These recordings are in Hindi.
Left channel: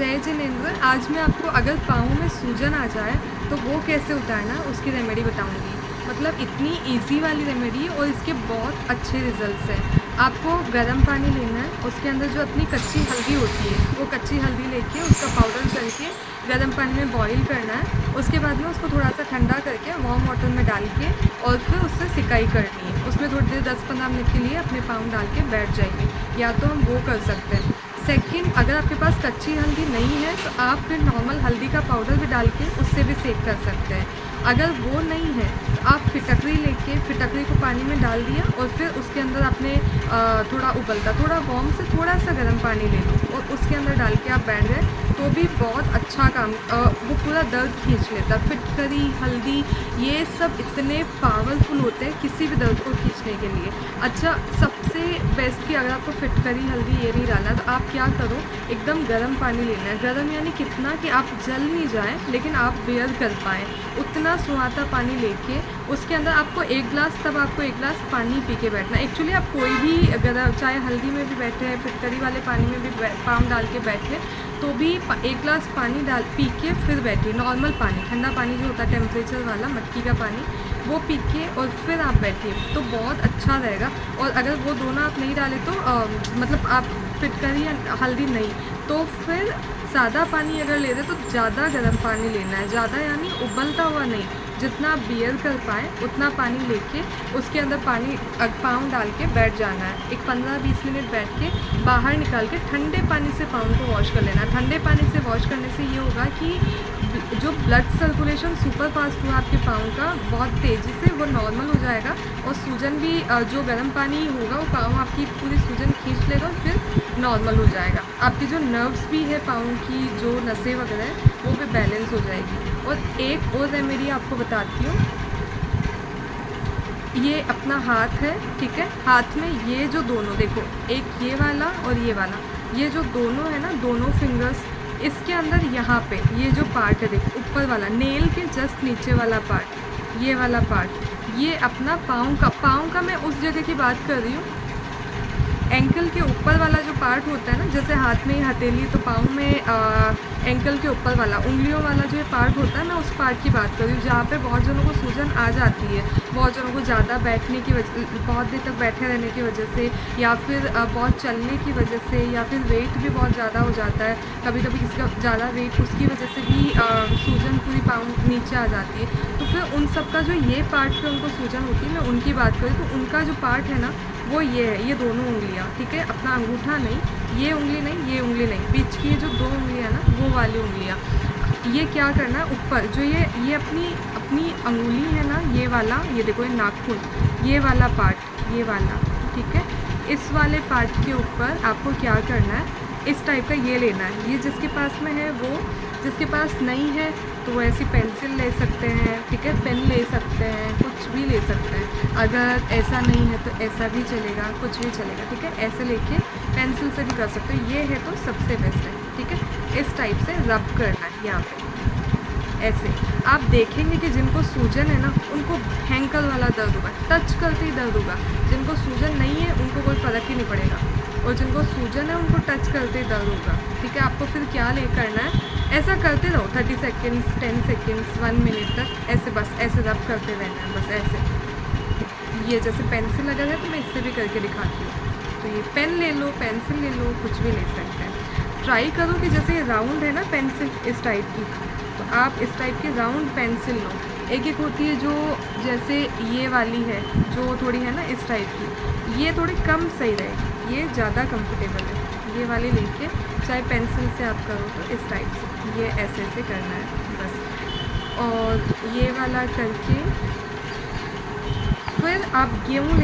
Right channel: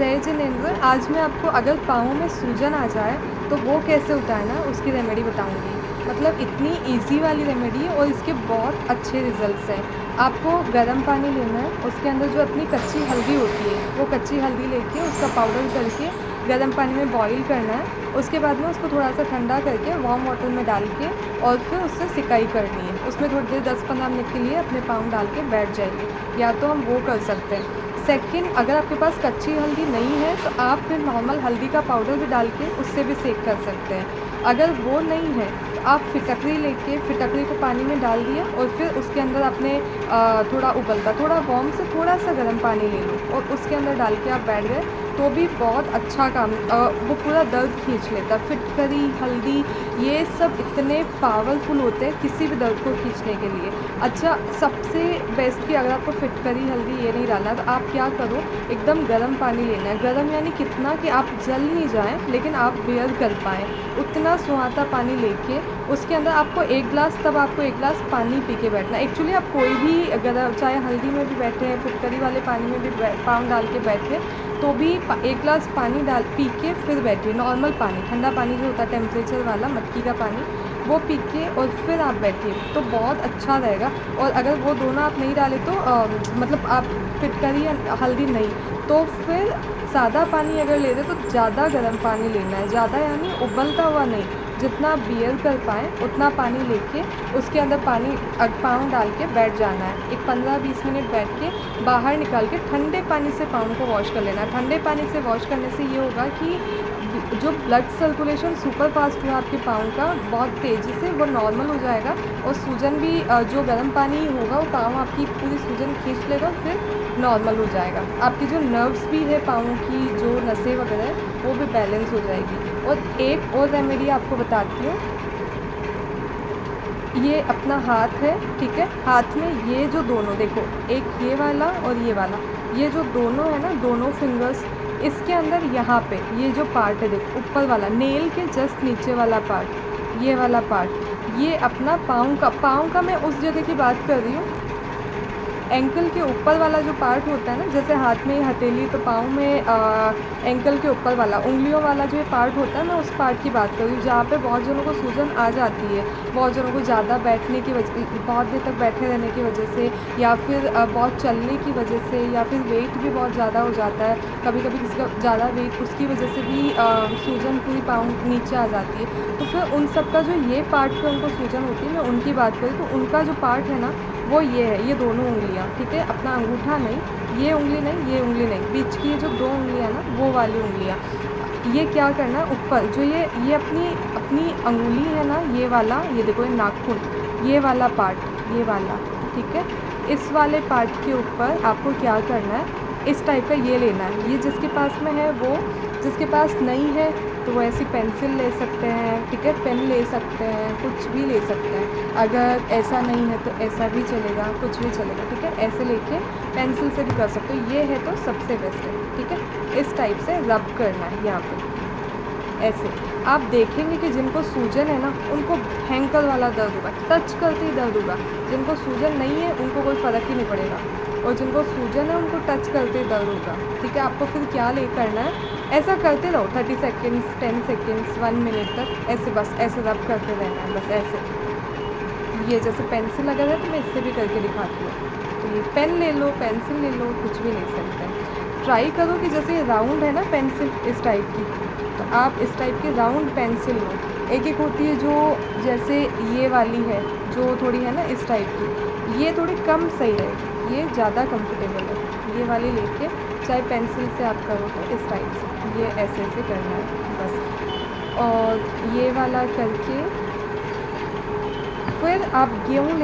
जय जिनेंद्र। आज मैं आपको अगर पाँव में सूजन आ जाए तो वो कैसे उतारना है उसकी रेमेडी बताऊंगी। मतलब इतनी इजी वाली रेमेडी है और इसके बहुत अच्छे रिजल्ट्स हैं। आपको गर्म पानी लेना है, उसके अंदर जो अपनी कच्ची हल्दी होती है वो कच्ची हल्दी लेके उसका पाउडर करके गर्म पानी में बॉईल करना है। उसके बाद में उसको थोड़ा सा ठंडा करके वार्म वाटर में डाल के और फिर उससे सिकाई करनी है। उसमें थोड़ी देर 10-15 मिनट के लिए अपने पाँव डाल के बैठ जाइए, या तो हम वो कर सकते हैं। सेकंड, अगर आपके पास कच्ची हल्दी नहीं है तो आप फिर नॉर्मल हल्दी का पाउडर भी डाल के उससे भी सेक कर सकते हैं। अगर वो नहीं है तो आप फिटकरी लेके फिटकरी को पानी में डाल दिया और फिर उसके अंदर आपने थोड़ा उबलता थोड़ा वार्म से थोड़ा सा गर्म पानी ले लिया और उसके अंदर डाल के आप बैठ गए तो भी बहुत अच्छा काम, वो पूरा दर्द खींच लेता है। फिटकरी, हल्दी, ये सब इतने पावरफुल होते हैं किसी भी दर्द को खींचने के लिए। अच्छा, सबसे बेस्ट कि अगर आपको फिटकरी, हल्दी ये नहीं डालना तो आप क्या करो, एकदम गर्म पानी लेना है। गर्म यानी कितना कि आप जल नहीं जाएं लेकिन आप बेयर कर पाएँ, उतना सुहाता पानी लेके उसके अंदर आपको एक गिलास पानी पी के बैठना। एक्चुअली आप कोई भी अगर चाहे हल्दी में भी बैठे हैं, फिटकरी वाले पानी में भी पाँव डाल के बैठे तो भी एक गिलास पानी डाल पी के फिर बैठिए। नॉर्मल पानी, ठंडा पानी जो होता है टेम्परेचर वाला मटकी का पानी, वो पी के और फिर आप बैठिए तो बहुत अच्छा रहेगा। और अगर वो दोनों आप नहीं डालें तो मतलब आप फिटकरी या हल्दी नहीं तो फिर सादा पानी अगर ले रहे तो ज़्यादा गर्म पानी लेना है। ज़्यादा यानी उबलता हुआ नहीं, जितना आप बियर कर पाएँ उतना पानी लेके उसके अंदर पानी पाँव डाल के बैठ जाना है। एक 15-20 मिनट बैठ के बाहर निकाल के ठंडे पानी से पाँव को वॉश कर लेना है। ठंडे पानी से वॉश करने से ये होगा कि जो ब्लड सर्कुलेशन सुपर फास्ट हुआ आपके पाँव का बहुत तेज़ी से वो नॉर्मल हो जाएगा और सूजन भी जो गर्म पानी होगा वो पाँव आपकी पूरी सूजन खींच लेगा, फिर नॉर्मल हो जाएगा। आपकी जो नर्व्स भी है पाँव की, जो नसें वगैरह है वो भी बैलेंस हो जाएगी। और एक और रेमेडी आपको बताती हूँ। ये अपना हाथ है, ठीक है, हाथ में ये जो दोनों देखो, एक ये वाला और ये जो दोनों है ना, दोनों फिंगर्स, इसके अंदर यहाँ पे ये जो पार्ट है देखो, ऊपर वाला नेल के जस्ट नीचे वाला पार्ट, ये वाला पार्ट, ये अपना पाँव का मैं उस जगह की बात कर रही हूँ। एंकल के ऊपर वाला जो पार्ट होता है ना, जैसे हाथ में हथेली तो पाँव में एंकल के ऊपर वाला उंगलियों वाला जो पार्ट होता है, मैं उस पार्ट की बात कर रही हूँ जहाँ पे बहुत जनों को सूजन आ जाती है। बहुत जनों को ज़्यादा बैठने की वजह, बहुत देर तक बैठे रहने की वजह से, या फिर बहुत चलने की वजह से, या फिर वेट भी बहुत ज़्यादा हो जाता है। कभी कभी किसी का ज़्यादा वेट, उसकी वजह से भी सूजन पूरी पाँव नीचे आ जाती है। तो फिर उन सब का जो ये पार्ट पे उनको सूजन होती है, मैं उनकी बात करूँ तो उनका जो पार्ट है ना वो ये है, ये दोनों उंगलियाँ, ठीक है, अपना अंगूठा नहीं, ये उंगली नहीं, ये उंगली नहीं, बीच की ये जो दो उंगलियाँ ना वो वाली उंगलियाँ, ये क्या करना है ऊपर जो ये अपनी अपनी अंगुली है ना, ये वाला, ये देखो ये नाखून, ये वाला पार्ट, ये वाला, ठीक है, इस वाले पार्ट के ऊपर आपको क्या करना है, इस टाइप का ये लेना है। ये जिसके पास में है वो, जिसके पास नहीं है तो वो ऐसी पेंसिल ले सकते हैं, ठीक है, पेन ले सकते हैं, कुछ भी ले सकते हैं। अगर ऐसा नहीं है तो ऐसा भी चलेगा, कुछ भी चलेगा, ठीक है, ऐसे लेके पेंसिल से भी कर सकते हो। ये है तो सबसे बेस्ट है, ठीक है। इस टाइप से रब करना है यहाँ पे, ऐसे आप देखेंगे कि जिनको सूजन है ना उनको भयंकर वाला दर्द होगा, टच करते ही दर्द होगा। जिनको सूजन नहीं है उनको कोई फ़र्क ही नहीं पड़ेगा, और जिनको सूजन है उनको टच करते ही दर्द होगा, ठीक है। आपको फिर क्या करना है, ऐसा करते रहो 30 सेकेंड्स, 10 सेकेंड्स, 1 मिनट तक, ऐसे बस ऐसे रब करते रहना है, बस ऐसे। ये जैसे पेंसिल अगर है तो मैं इससे भी करके दिखाती हूँ। तो ये पेन ले लो, पेंसिल ले लो, कुछ भी ले सकते हैं। ट्राई करो कि जैसे राउंड है ना पेंसिल, इस टाइप की, तो आप इस टाइप की राउंड पेंसिल लो। एक एक होती है जो जैसे ये वाली है जो थोड़ी है ना इस टाइप की, ये थोड़ी कम सही रहेगी, ये ज़्यादा कंफर्टेबल है। ये वाली लेके चाहे पेंसिल से आप करो तो इस टाइप से, ये ऐसे ऐसे करना है बस। और ये वाला करके फिर आप गेहूँ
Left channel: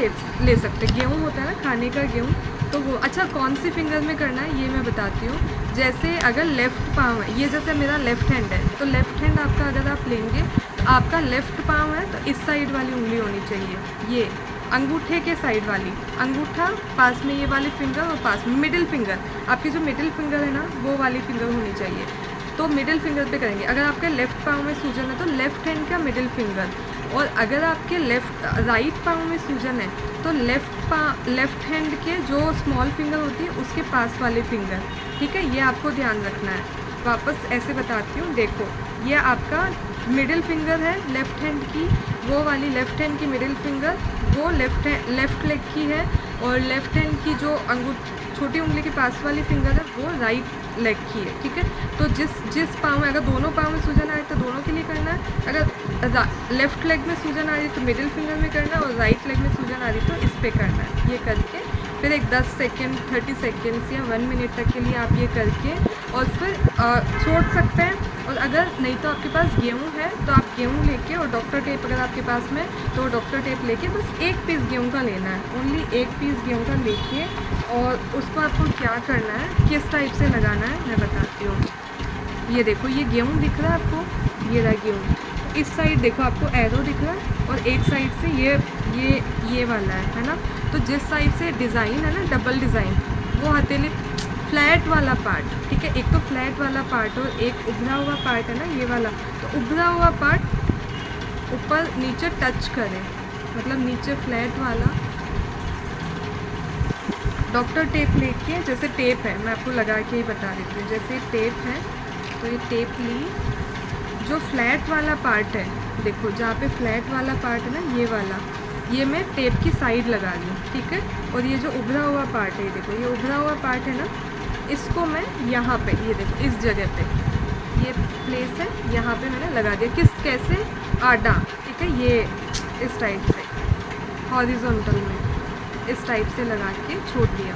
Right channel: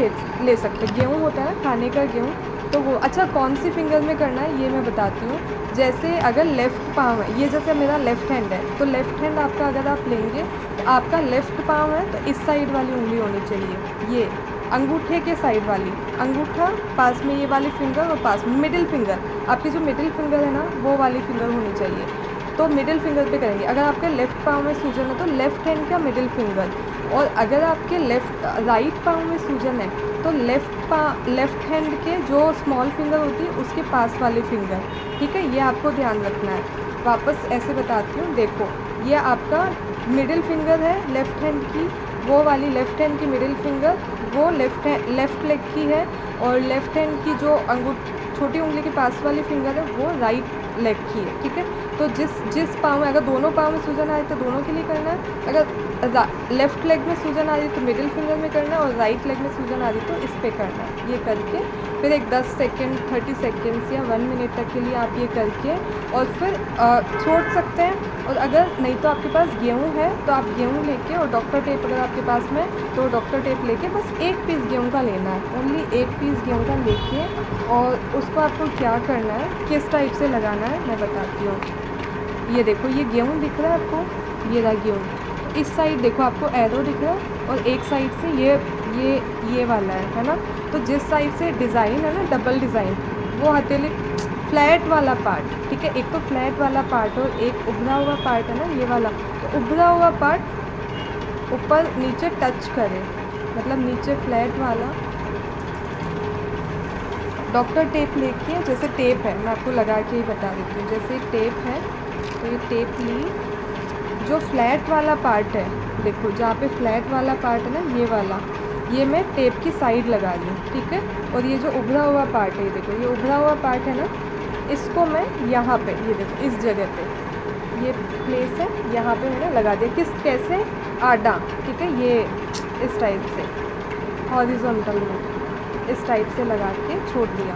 ले सकते हैं। गेहूँ होता है ना खाने का गेहूँ, तो वो अच्छा कौन सी फिंगर में करना है ये मैं बताती हूँ। जैसे अगर लेफ़्ट पाँव है, ये जैसे मेरा लेफ़्ट हैंड है तो लेफ़्ट हैंड आपका अगर आप लेंगे तो आपका लेफ़्ट पाँव है तो इस साइड वाली उंगली होनी चाहिए, ये अंगूठे के साइड वाली, अंगूठा पास में ये वाली फिंगर और पास में मिडिल फिंगर, आपकी जो मिडिल फिंगर है ना वो वाली फिंगर होनी चाहिए। तो मिडिल फिंगर पे करेंगे। अगर आपके लेफ़्ट पाँव में सूजन है तो लेफ़्ट हैंड का मिडिल फिंगर, और अगर आपके राइट पाँव में सूजन है तो लेफ़्ट हैंड के जो स्मॉल फिंगर होती है उसके पास वाले फिंगर, ठीक है, ये आपको ध्यान रखना है। वापस ऐसे बताती हूँ, देखो ये आपका मिडिल फिंगर है लेफ़्ट हैंड की, वो वाली लेफ़्ट हैंड की मिडिल फिंगर वो लेफ़्ट लेग की है, और लेफ़्ट हैंड की जो छोटी उंगली के पास वाली फिंगर है वो राइट लेग की है, ठीक है। तो जिस पाँव में, अगर दोनों पाँव में सूजन आ रही तो दोनों के लिए करना है, अगर लेफ़्ट लेग में सूजन आ रही तो मिडिल फिंगर में करना है, और राइट लेग में सूजन आ रही तो इस पे करना है। ये करके फिर एक 10 सेकेंड 30 सेकेंड्स या 1 मिनट तक के लिए आप ये करके और फिर छोड़ सकते हैं। और अगर नहीं तो आपके पास गेहूँ है तो आप गेहूँ लेके, और डॉक्टर टेप अगर आपके पास में तो डॉक्टर टेप लेके बस एक पीस गेहूँ का लेना है, ओनली एक पीस गेहूँ का लेके, और उसको आपको क्या करना है, किस टाइप से लगाना है मैं बताती हूँ। ये देखो, ये गेहूँ दिख रहा है आपको, ये रहा गेहूँ। इस साइड देखो आपको एरो दिख रहा है, और एक साइड से ये वाला है ना। तो जिस साइड से डिज़ाइन है ना, डबल डिज़ाइन, वो हथेली फ्लैट वाला पार्ट, ठीक है, एक तो फ्लैट वाला पार्ट और एक उभरा हुआ पार्ट है ना, ये वाला। तो उभरा हुआ पार्ट ऊपर नीचे टच करे, मतलब नीचे फ्लैट वाला। डॉक्टर टेप लेके, जैसे टेप है मैं आपको लगा के ही बता देती हूँ, जैसे टेप है तो ये टेप ली, जो फ्लैट वाला पार्ट है देखो, जहाँ पे फ्लैट वाला पार्ट है ना, ये वाला, ये मैं टेप की साइड लगा दी, ठीक है। और ये जो उभरा हुआ पार्ट है, ये देखो, ये उभरा हुआ पार्ट है ना, इसको मैं यहाँ पे, ये देखो इस जगह पे, ये प्लेस है, यहाँ पे मैंने लगा दिया। कैसे आडा, ठीक है, ये इस टाइप से हॉरिजॉन्टल में इस टाइप से लगा के छोड़ दिया।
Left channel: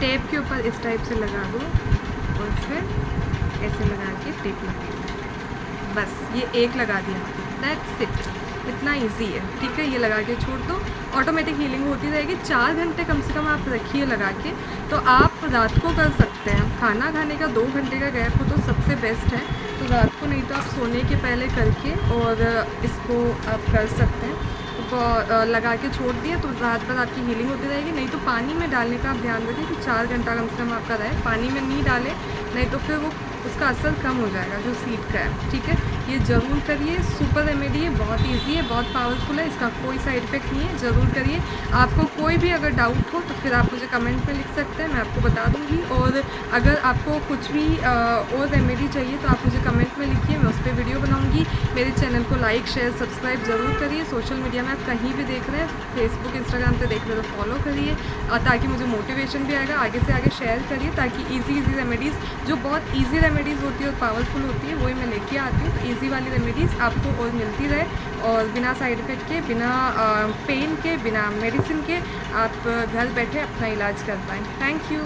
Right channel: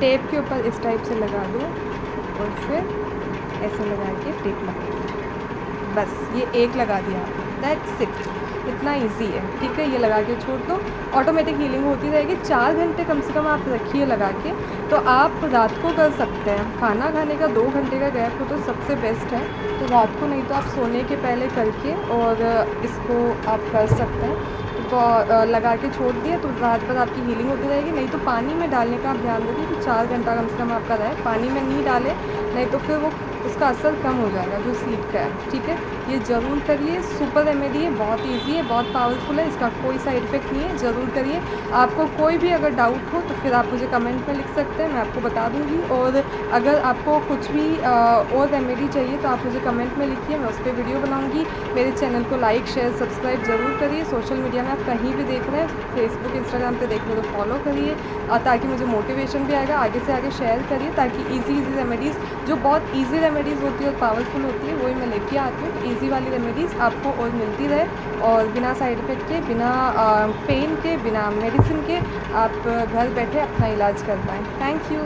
टेप के ऊपर इस टाइप से लगा दो, और फिर ऐसे लगा के टेप लगा दो, बस ये एक लगा दिया, दैट्स इट, इतना इजी है, ठीक है। ये लगा के छोड़ दो, ऑटोमेटिक हीलिंग होती रहेगी। 4 घंटे कम से कम आप रखिए लगा के। तो आप रात को कर सकते हैं, खाना खाने का 2 घंटे का गैप हो तो सबसे बेस्ट है। तो रात को, नहीं तो आप सोने के पहले करके और इसको आप कर सकते हैं। तो लगा के छोड़ दिया तो रात भर आपकी हीलिंग होती रहेगी। नहीं तो पानी में डालने का आप ध्यान रखिए कि 4 घंटा कम से कम आपका रहे, पानी में नहीं डालें, नहीं तो फिर वो उसका असर कम हो जाएगा जो स्लीप का है, ठीक है। ये ज़रूर करिए, सुपर रेमेडी है, बहुत इजी है, बहुत पावरफुल है, इसका कोई साइड इफ़ेक्ट नहीं है, ज़रूर करिए। आपको कोई भी अगर डाउट हो तो फिर आप मुझे कमेंट में लिख सकते हैं, मैं आपको बता दूँगी। और अगर आपको कुछ भी और रेमेडी चाहिए तो आप मुझे कमेंट में लिखिए, मैं उस पर वीडियो बनाऊँगी। मेरे चैनल को लाइक शेयर सब्सक्राइब ज़रूर करिए। सोशल मीडिया में आप कहीं भी देख रहे हैं, फेसबुक इंस्टाग्राम पर देख रहे हो तो फॉलो करिए, ताकि मुझे मोटिवेशन भी आएगा। आगे से आगे शेयर करिए, ताकि ईजी रेमेडीज़, जो बहुत ईजी रेमेडीज़ होती है और पावरफुल होती है, वही मैं लेके आती हूँ। ईजी वाली रेमेडीज़ आपको और मिलती रहे, और बिना साइड इफ़ेक्ट के, बिना पेन के, बिना मेडिसिन के आप घर बैठे अपना इलाज कर पाएँ। Thank you.